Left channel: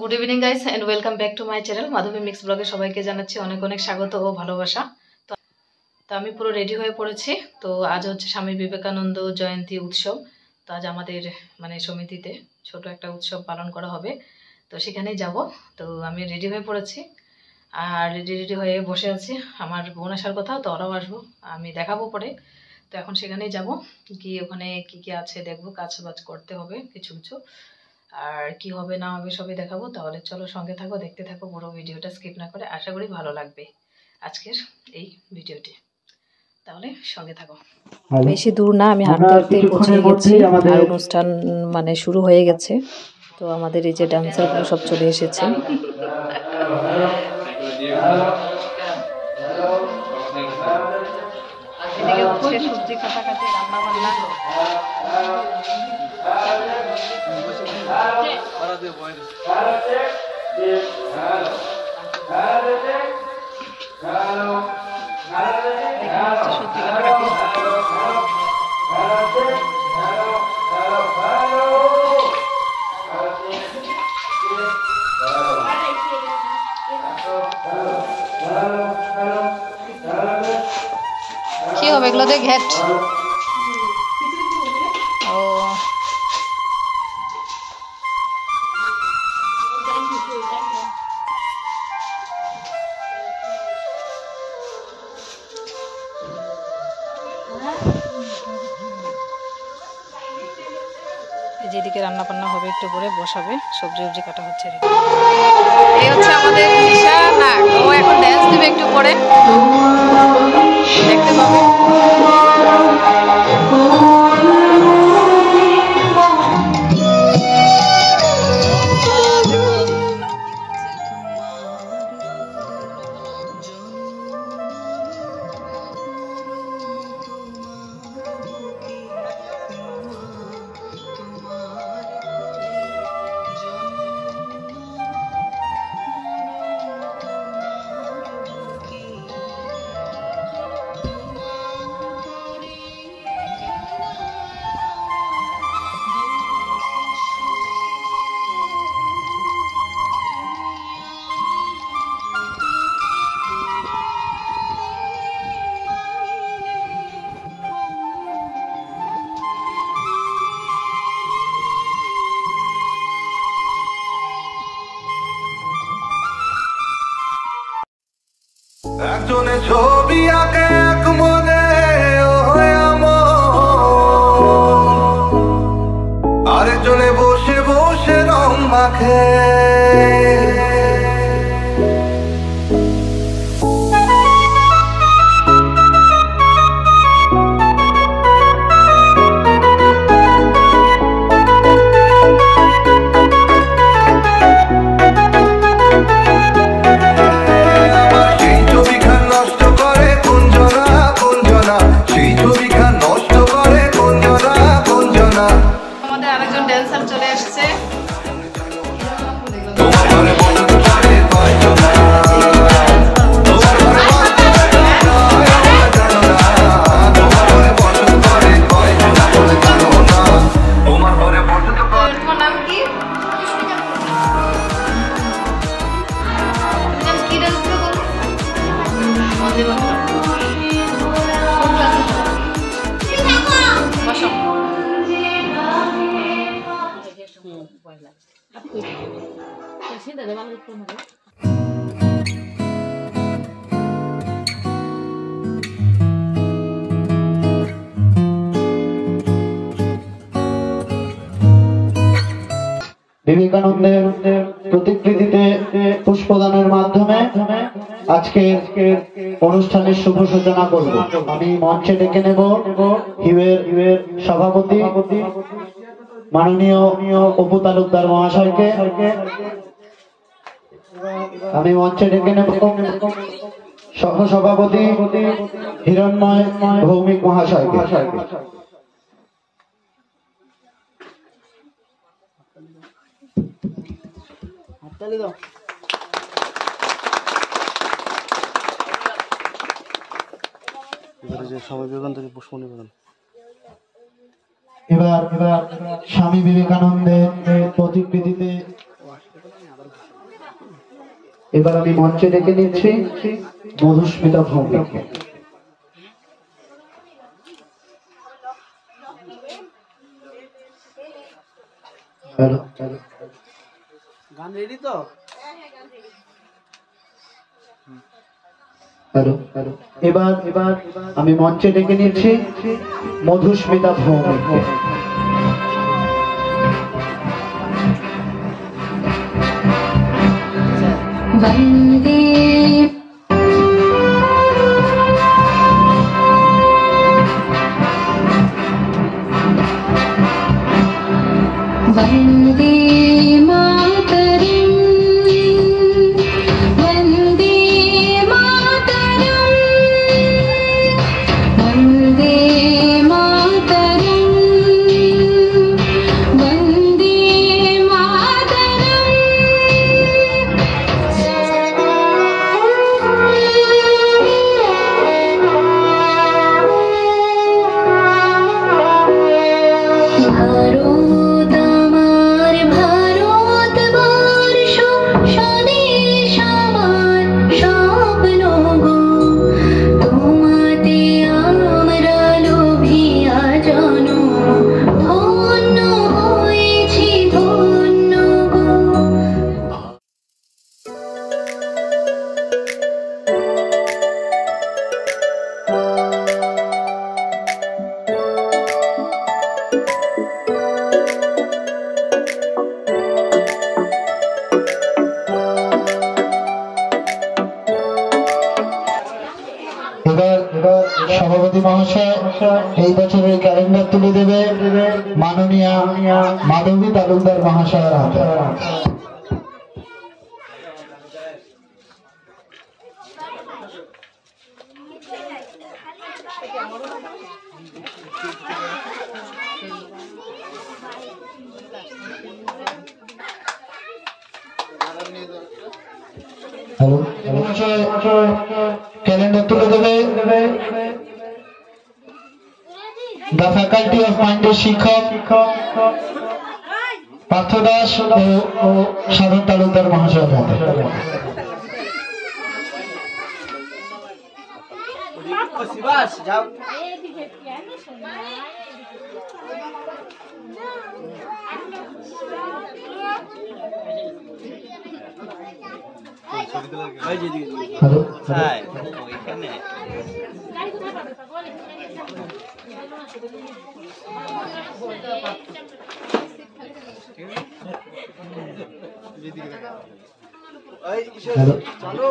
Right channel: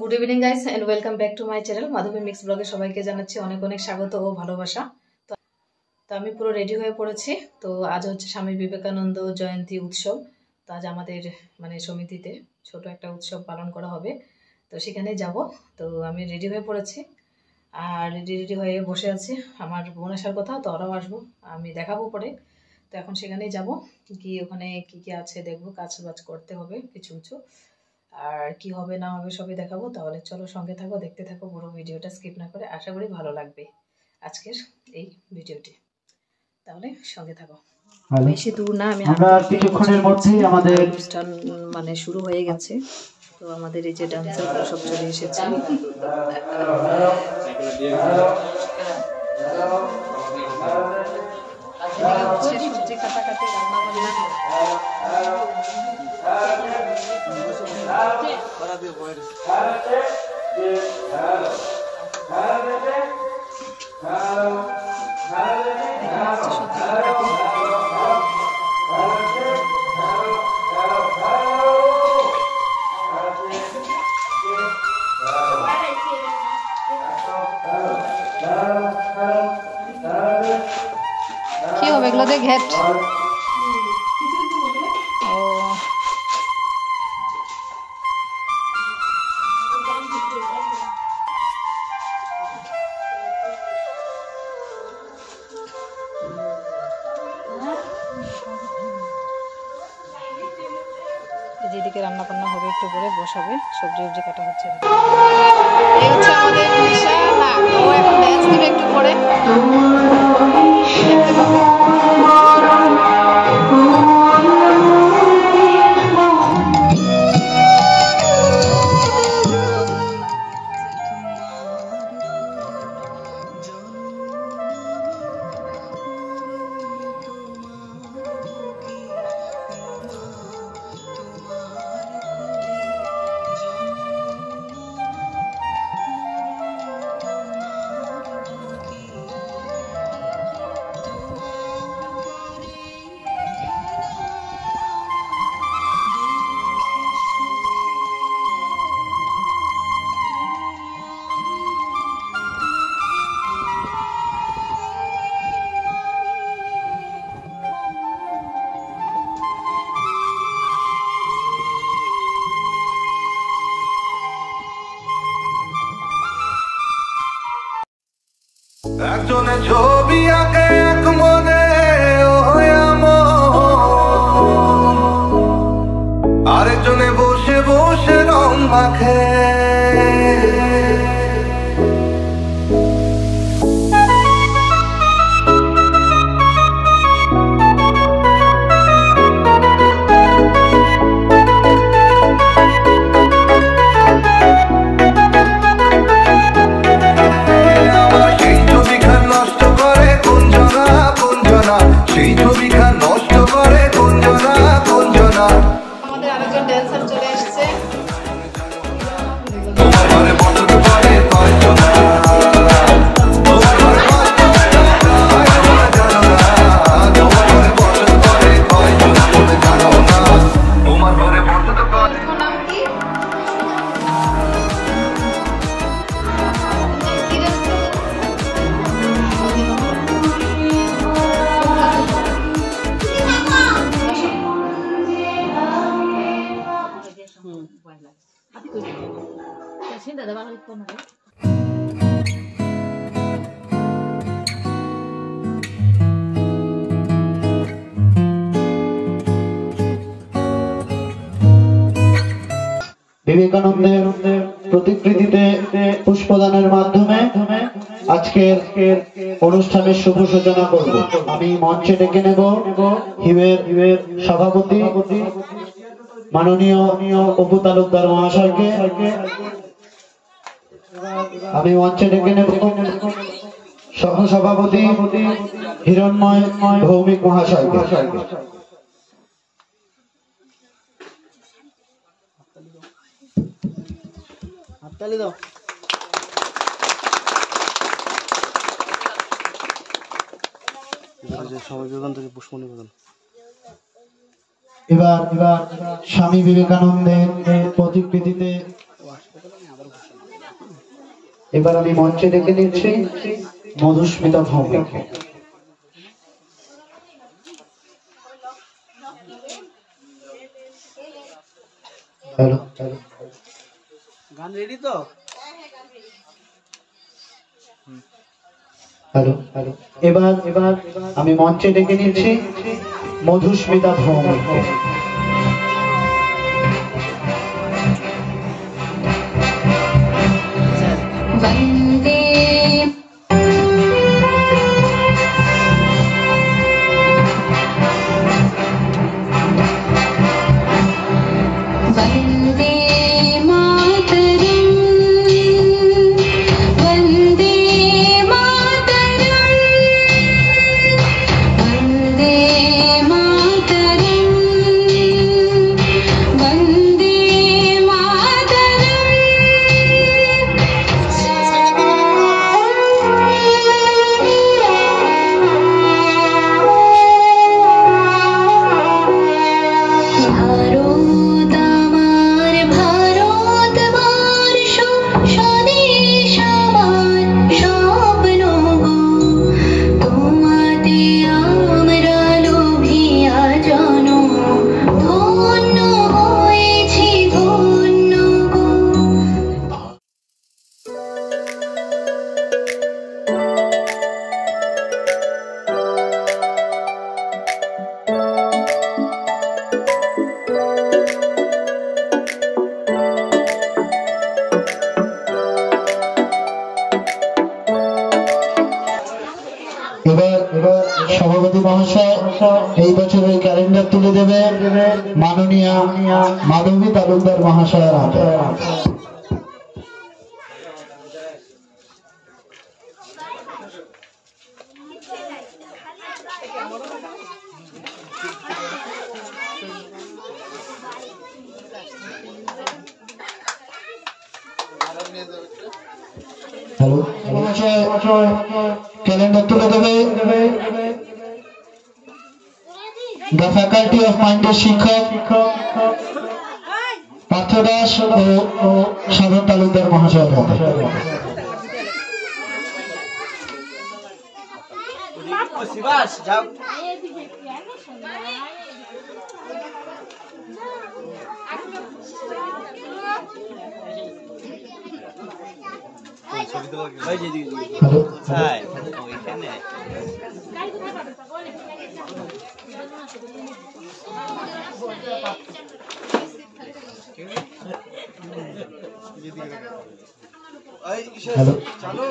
Good evening guys and welcome back to my channel Madhabi mix ব্লগে সবাইকে জানাচ্ছি অনেক অনেক স্বাগত ও ভালোবাসা। তো আমি পুরো রেডি হয়ে পড়েছি। তো আজ হচ্ছে স্বামী বিবেকানন্দ জয়ন্তী উৎসব। তো আজ আমাদের মানে সমিতিতে ছোট একটা উৎসব পালন করা হবে, তো সেখানেই যাব। তো আমি রেডি হয়ে পড়েছি আর রেডি হয়ে বসে আছি। আমার বোন আসার কথা, তো ওরাও আসবো, আমি দেখাবো পরে। তো এখন সেখানেই যাব, গিয়ে ওখানে কি কি আছে দেখবো, কাজ বাজ করতে হবে কিছু কিছু, আর কি হবে না হবে সবই দেখাবো। তাহলে চলো সঙ্গে থাকো, দেখতে থাকো পুরো ভিডিওটা স্কিপ না করে। আশা করি ভালো লাগবে আজকের এই ভিডিওটি, তাহলে সঙ্গে থাকো। বেশি দূর না, আমি হাঁটতে হাঁটতে পৌঁছে গেছি। আর অনুষ্ঠান মানে শুরু হয়ে গেছে। তো আমাদের এই যে ডান্সারগুলো সব চলে এসেছে। এদিকে হচ্ছে সবজি কাটাকাটি, রান্না বান্না। সবজি কাটাকাটি কি হবে এগুলো দিয়ে ঘেট? ও যেদিকে রান্না বান্না হবে একটু পরে বসাবে, সবজি সবজি কাটা হচ্ছে। এই হচ্ছে আমাদের নিশা না, ও এখন ড্যান্স দিবে একটু পরে, দেখতে পাবে। একজনে ছবি আঁকে এক মনে আরেকজনে বসে বসে রং মাখে। সেই ছবিখান নষ্ট করে কুঞ্জনা কুঞ্জনা। আমাদের আরেকজন ড্যান্সার চলে এসেছে। তোমার ঘরে বসত করে কয়জনা, তোমার ঘরে বসত বলে জানো না, তোমার ঘরে বসত করে কয়জনা বলে জানো না, তোমার ঘরে বসত করে। নাম কি? বিবেকানন্দের প্রতিকৃতিতে পুষ্পদানের মাধ্যমে আজকের অনুষ্ঠানের শুভ সূচনা করব। আমি মঞ্চে ডেকে নেব হিউয়ের সভাপতি মাননীয় অপু তালুকদার মহাশয়কে। আমি মঞ্চে ডেকে নেব সহসভাপতি হিরণময় ভৌমিক মহাশয়কে। এবার স্বামী বিবেকানন্দের প্রতিকৃতিতে এবার আমি মঞ্চে ডেকে নিচ্ছি মধুস্মিতা ভৌমিককে। হ্যালো, গান রেডি তো? হ্যালো, এবার আমি মঞ্চে ডেকে নিচ্ছি মধুস্মিতা ভৌমিককে। वन्दे वन्दे मातरम् वन्दे मातरम् वन्दे मातरम् वन्दे ভারত আমার ভারতবর্ষ স্বদেশ আমার স্বপ্ন গো তোমাতে আমরা লোভিয়া জনম ধন্য হয়েছি ধন্য গো। এবার সভাপতি মহাশয় এই বছরের ক্যালেন্ডার তুলে দেবে মাননীয় মাধবী তালুকদার মহাশয়ের হাতে। হ্যালো, ক্যালেন্ডার তুলে দেবে দ্য ফ্যাকাল্টি অফ মাইন্ডের শিক্ষক পার্থ দাস ও সাধন তালুকদার মহাশয়ের হাতে। শিবাস যাও। হ্যালো, তাই ওইখানে হ্যালো, চালু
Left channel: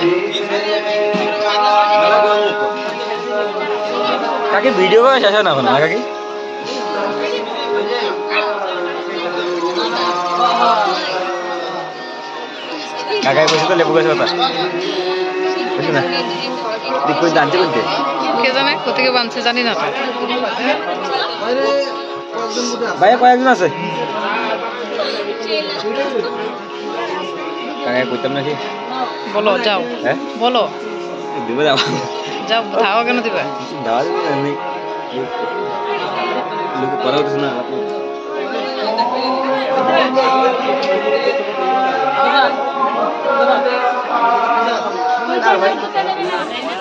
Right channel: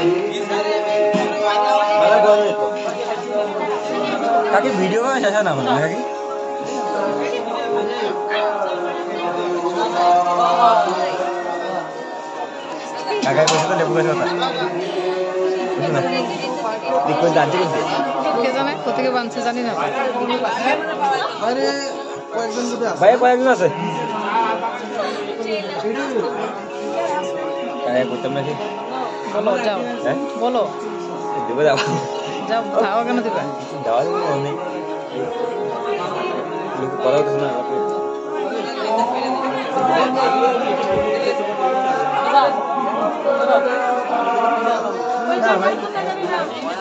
Thank you. ভিডিও করে শেষ হয় না না কাকি কাকাই বসে তো লেবু গাছ কথা দেখো জানতে বলতে কে জানে কোথেকে বানছে জানি না তো ভাই কয়েকজন আছে কাকাই কইতাম নাকি বলো যাও হ্যাঁ বলো দেবে যাও যাও ধাওয়া কেন দিবা যাওয়া যাবে না লোক করা হচ্ছে না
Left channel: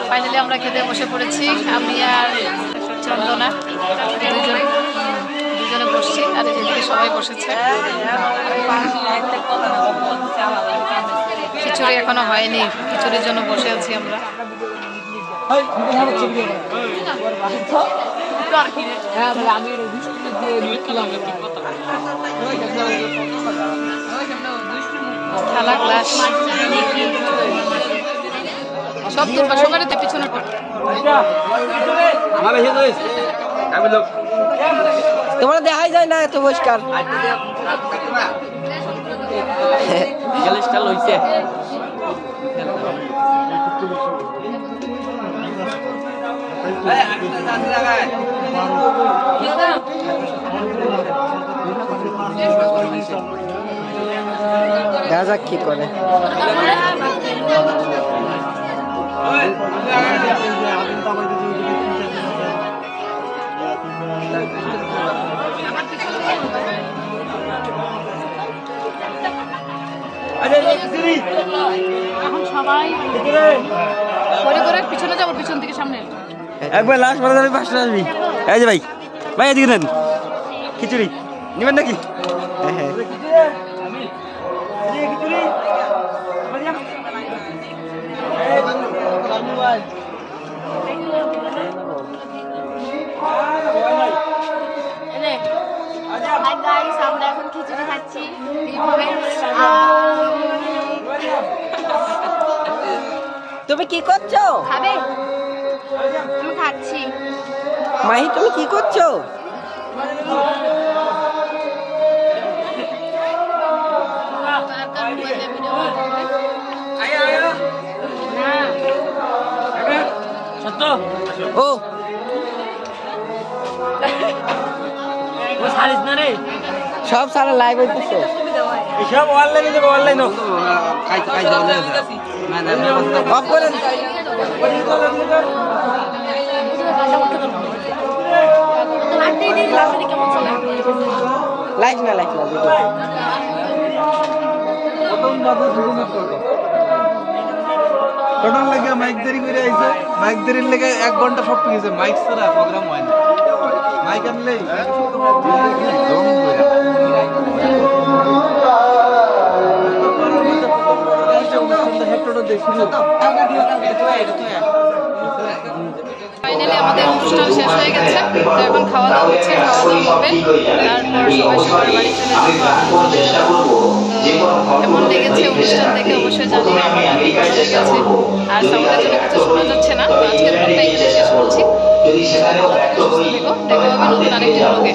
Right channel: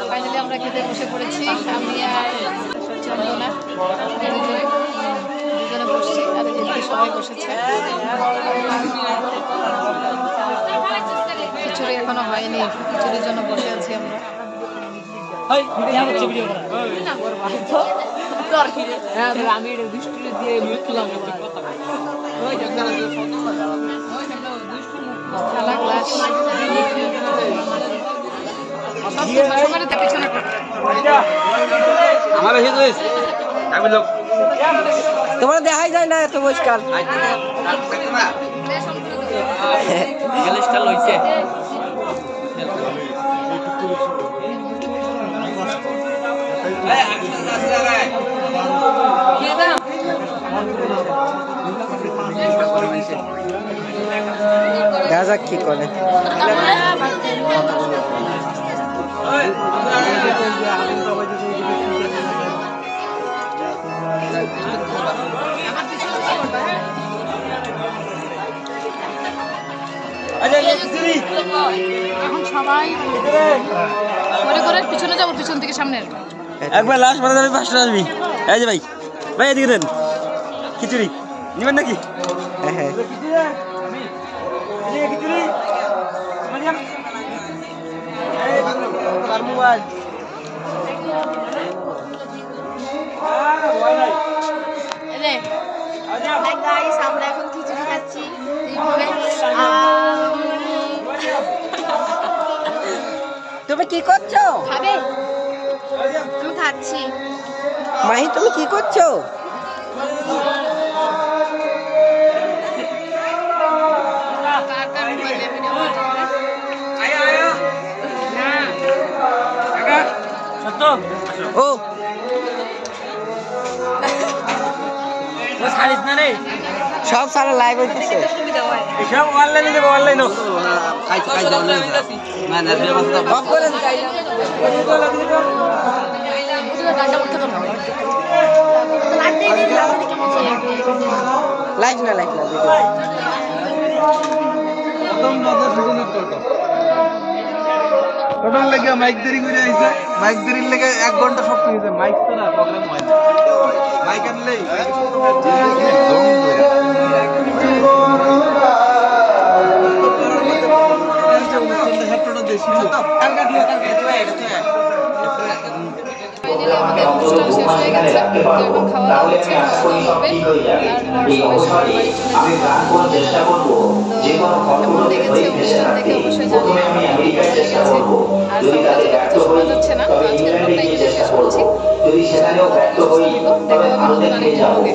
ফাইনালি আমরা খেতে বসে পড়েছি আমি আর চন্দনা দুজনে বসছি আর যেদিকে সবাই বসেছে খিচুড়ি এখনো হয়নি খিচুড়ির জন্য বসে আছি আমরা থালা গ্লাস সব সবাই তো পিছনে আমার এসে তো আমি লোক তোমরা দেখাই যায় না এত পরিষ্কার চল্লিশটা লইছে দেখা যাক কি করে এখন সবাই করে করে পিছনে যাবো পিছন থেকে সামনে একবার লাস্ট পরে যাবি পাঁচটা আসবি এই যে ভাই ভাই এদিকে দেন খিচুড়ি নেবেন নাকি হ্যাঁ হ্যাঁ আমরা এখন খিচুড়ি খাচ্ছি তুমি কি করছো খাবে আমি খাচ্ছি মাহি তুমি কি করছো ও সব সারা লাইভ হইতেছে এসব অনলাইনে দেবো অনলাইন না না অফ করেন লাইভ না ভিডিও টোটাল লাগে মাইক দেরি করে আইছে মাইক দেরির লেগে 1 ঘন্টা সব নিয়েছে মাইক ছাড়া প্রোগ্রাম হয় না মাইক আনলে ফাইনালি আমাদের অনুষ্ঠান শেষ হয়ে গেছে তো এখন খাওয়া দাওয়া হচ্ছে খাওয়া দাওয়া হবে তারপর সবাই সবার বাড়ি চলে যাবো আমি চলে যাবো তো কেমন লেগেছে অনুষ্ঠান দেখে অবশ্যই জানিয়ে আমার খুব ভালো লেগেছে আর সামনের জন্য কিছু শোনা যাচ্ছে না তো আজকের ব্লগটা এখানে শেষ করছি ভালো থেকো সুস্থ থেকো দেখা হবে নতুন আরেকটি ব্লগে